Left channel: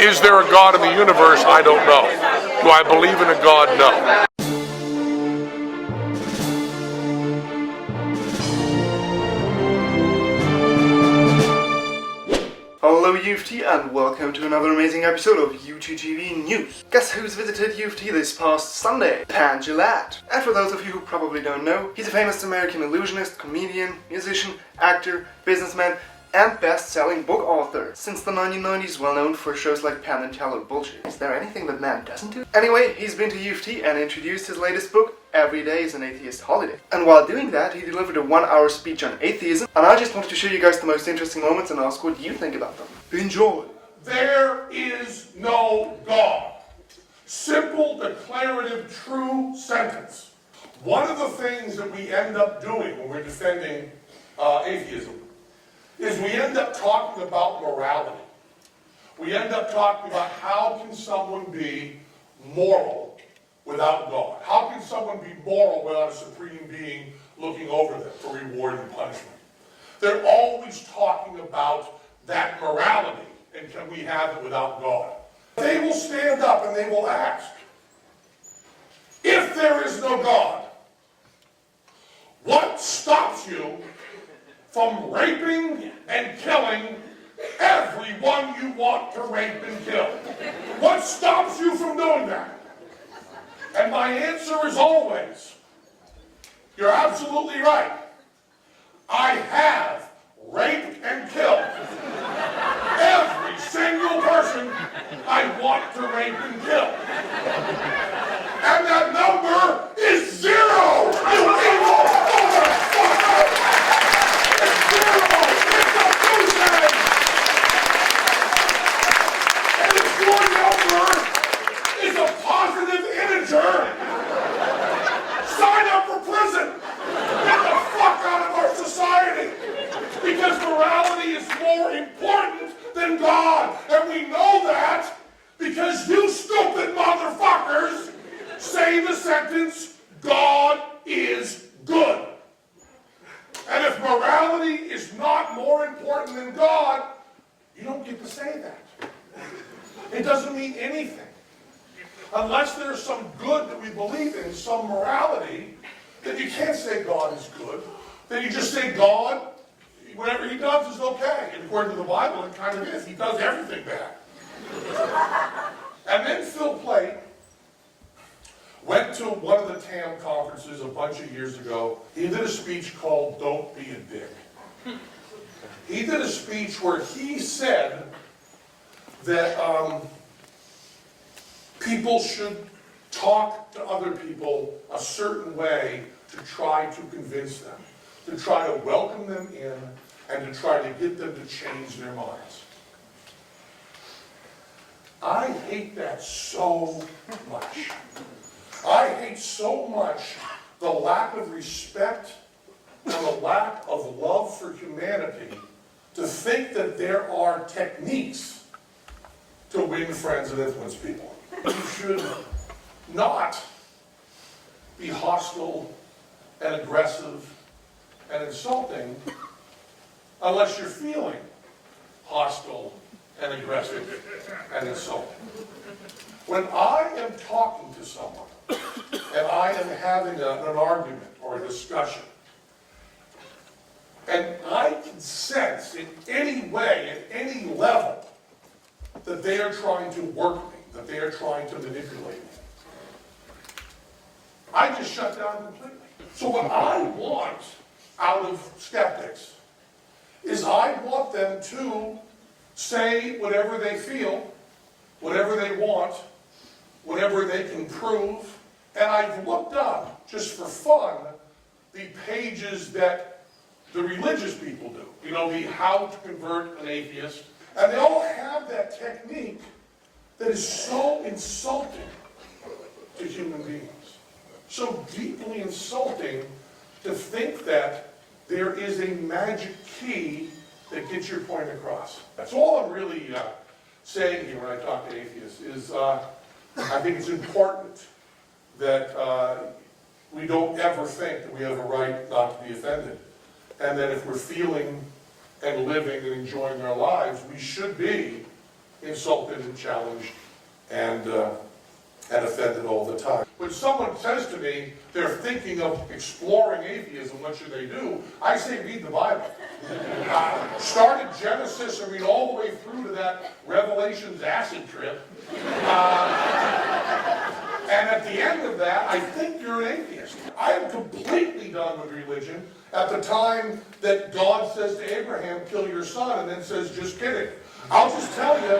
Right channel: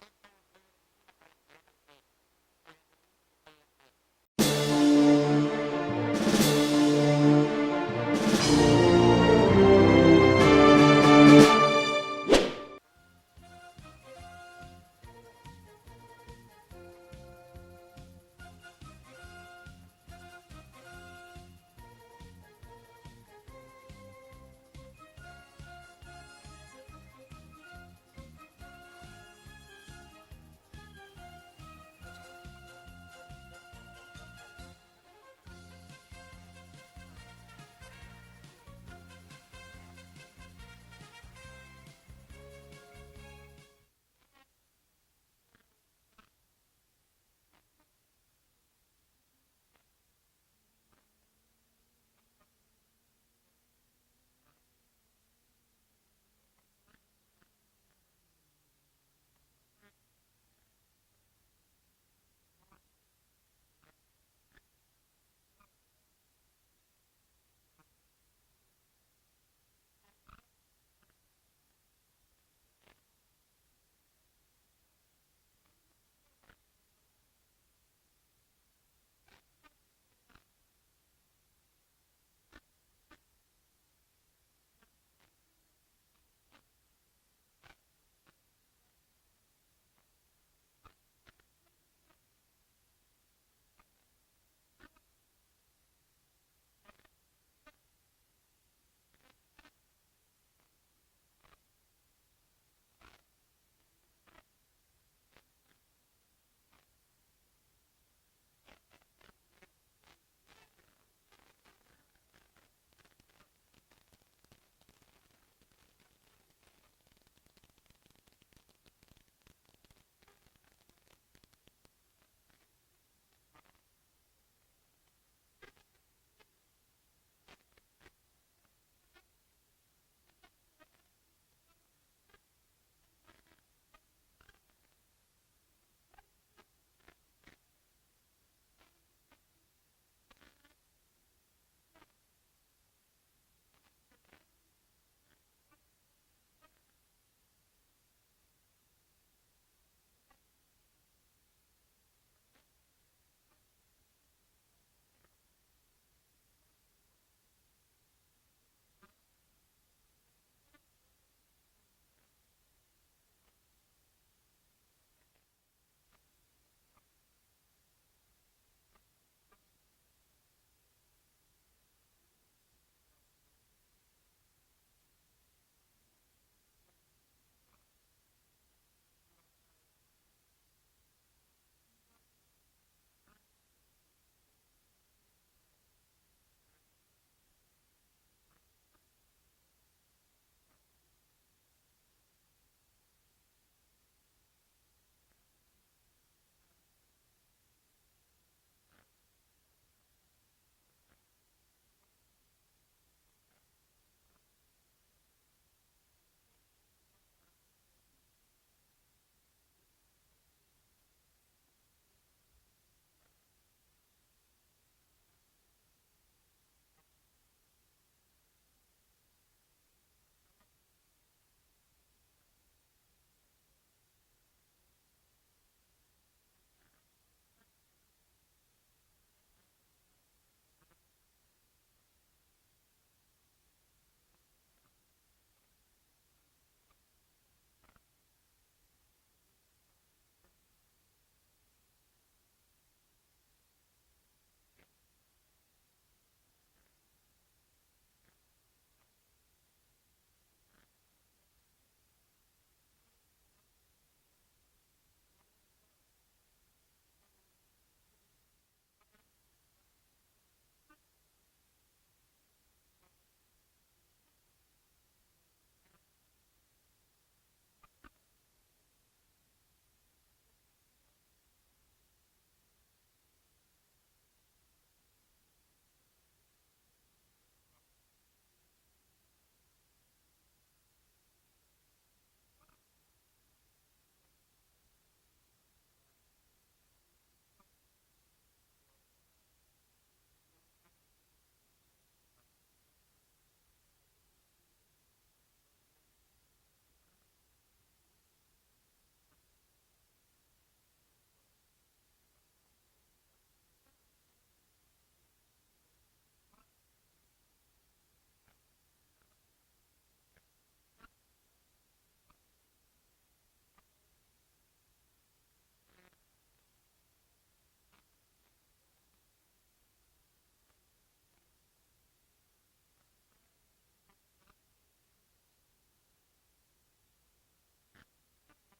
Is there a God in the universe? I don't know. Do I believe in a God? No. Hello UofT and welcome to another amazing episode of UTTV News. Guess who's visited UofT this past Sunday? Penn Jillette. And for those of you who probably don't know, he's a famous American illusionist, comedian, musician, actor, businessman, and best-selling book author. Since the 1990s, well known for shows like Penn and Teller Bullshit. Is there anything that man doesn't do? Anyway, he's been to UofT and introduced his latest book, Every Day is an Atheist Holiday. And while doing that, he delivered a 1-hour speech on atheism, and I just wanted to show you guys the most interesting moments and ask what you think about them. Enjoy! There is no God. Simple, declarative, true sentence. One of the things that we end up doing when we're defending atheism is we end up talking about morality. We end up talking about how can someone be moral without God? How can someone be moral without a supreme being looking over them for reward and punishment? They're always talking about that morality, and can we have it without God? They will stand up and they will ask, if there is no God, what stops you from raping and killing everyone you want to rape and kill? What stops you from doing that? And my answer is always, you're absolutely right. I have raped and killed every single person I want to rape and kill. And that number is 0! You evil motherfucker! It's 0! It's a goose egg! And if your number is a positive integer, sign up for prison! Get the fuck out of our society! Because morality is more important than God. And we know that because you stupid motherfuckers say the sentence, God is good. And if morality is not more important than God, you don't get to say that. It doesn't mean anything. Unless there's some good that we believe in, some morality, then you can't say God is good. Then you just say God, whatever he does is okay. And according to the Bible, it kind of is. He does everything bad. And then Phil Plait went to one of the TAM conferences a bunch of years ago. He did a speech called Don't Be a Dick. He did a speech where he said that people should talk to other people a certain way to try to convince them, to try to welcome them in, and to try to get them to change their minds. I hate that so much. I hate so much the lack of respect and the lack of love for humanity to think that there are techniques to win friends and influence people. You should not be hostile and aggressive and insulting unless you're feeling hostile and aggressive and insulting. When I am talking to someone and I am having an argument or a discussion, and I can sense in any way, at any level, that they are trying to work me, that they are trying to manipulate me, I just shut down completely. So what I want out of skeptics is I want them to say whatever they feel, whatever they want, whatever they can prove. And I've looked up, just for fun, the pages that the religious people do. You know, the how to convert an atheist. And they all have that technique that is so insulting to human beings. So deeply insulting to think that there is a magic key that gets your point across. That's all I'm really saying here when I talk to atheists is I think it's important that we don't ever think that we have a right not to be offended. And that if we're feeling and living and enjoying our lives, we should be insulted and challenged and offended all the time. When someone says to me they're thinking of exploring atheism, what should they do? I say read the Bible. Start at Genesis and read all the way through to that Revelations acid trip. And at the end of that, I think you're an atheist. I am completely done with religion at the time that God says to Abraham, kill your son, and then says, just kidding. I'll just tell you,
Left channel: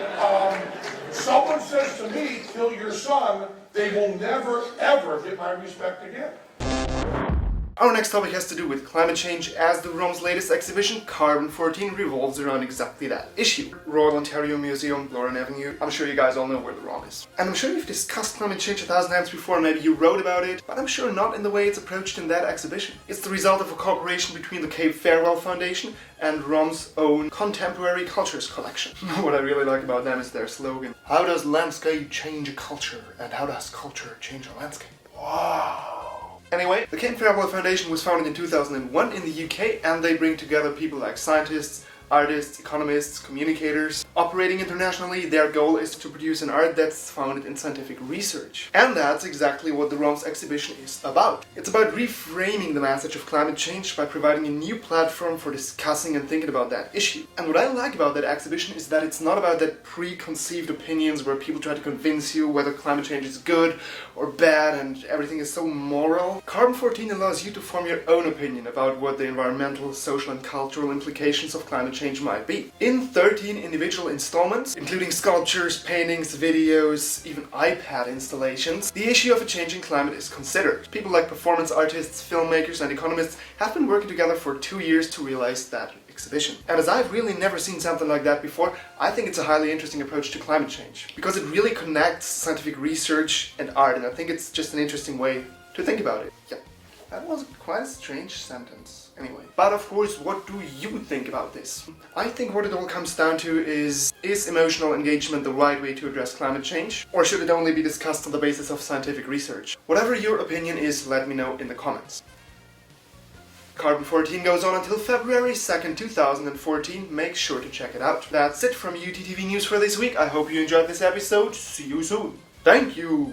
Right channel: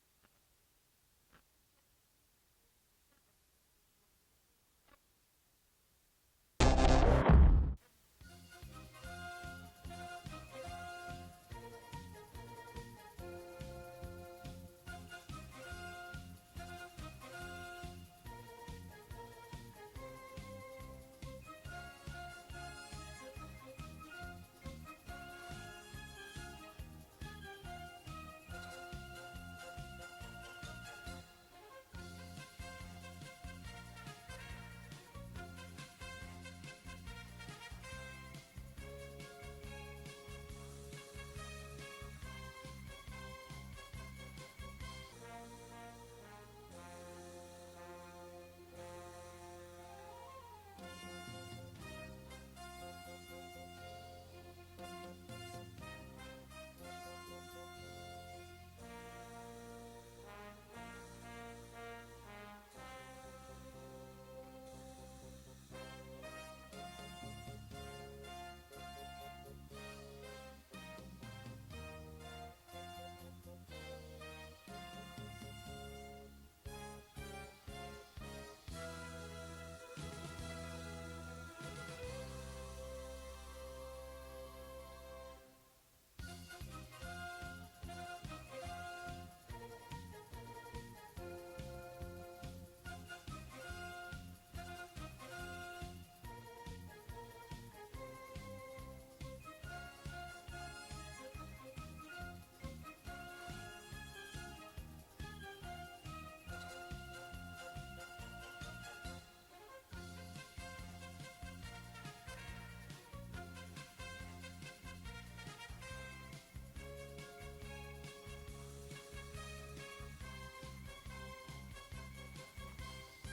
someone says to me, kill your son, they will never, ever get my respect again. Our next topic has to do with climate change, as the ROM's latest exhibition, Carbon-14, revolves around exactly that issue. Royal Ontario Museum, Lauren Avenue. I'm sure you guys all know where the ROM is. And I'm sure you've discussed climate change 1,000 times before, maybe you wrote about it, but I'm sure not in the way it's approached in that exhibition. It's the result of a cooperation between the Cape Farewell Foundation and ROM's own Contemporary Cultures collection. What I really like about them is their slogan: how does landscape change a culture, and how does culture change a landscape? Wow. Anyway, the Cape Farewell Foundation was founded in 2001 in the UK, and they bring together people like scientists, artists, economists, communicators. Operating internationally, their goal is to produce an art that's founded in scientific research. And that's exactly what the ROM's exhibition is about. It's about reframing the message of climate change by providing a new platform for discussing and thinking about that issue. And what I like about that exhibition is that it's not about that preconceived opinions where people try to convince you whether climate change is good or bad and everything is so moral. Carbon-14 allows you to form your own opinion about what the environmental, social and cultural implications of climate change might be. In 13 individual installments, including sculptures, paintings, videos, even iPad installations, the issue of a changing climate is considered. People like performance artists, filmmakers and economists have been working together for 2 years to realize that exhibition. And as I've really never seen something like that before, I think it's a highly interesting approach to climate change, because it really connects scientific research and art, and I think it's just an interesting way to think about it. Yeah, that was quite a strange sentence. Anyway, but of course, what do you think about this? I think what it all comes down to is emotional engagement the right way to address climate change? Or should it only be discussed on the basis of scientific research? Whatever your opinion is, let me know in the comments. Carbon-14 goes on until February 2nd, 2014. Make sure to check it out. That's it from UTTV News for this week. I hope you enjoyed this episode. See you soon. Thank you.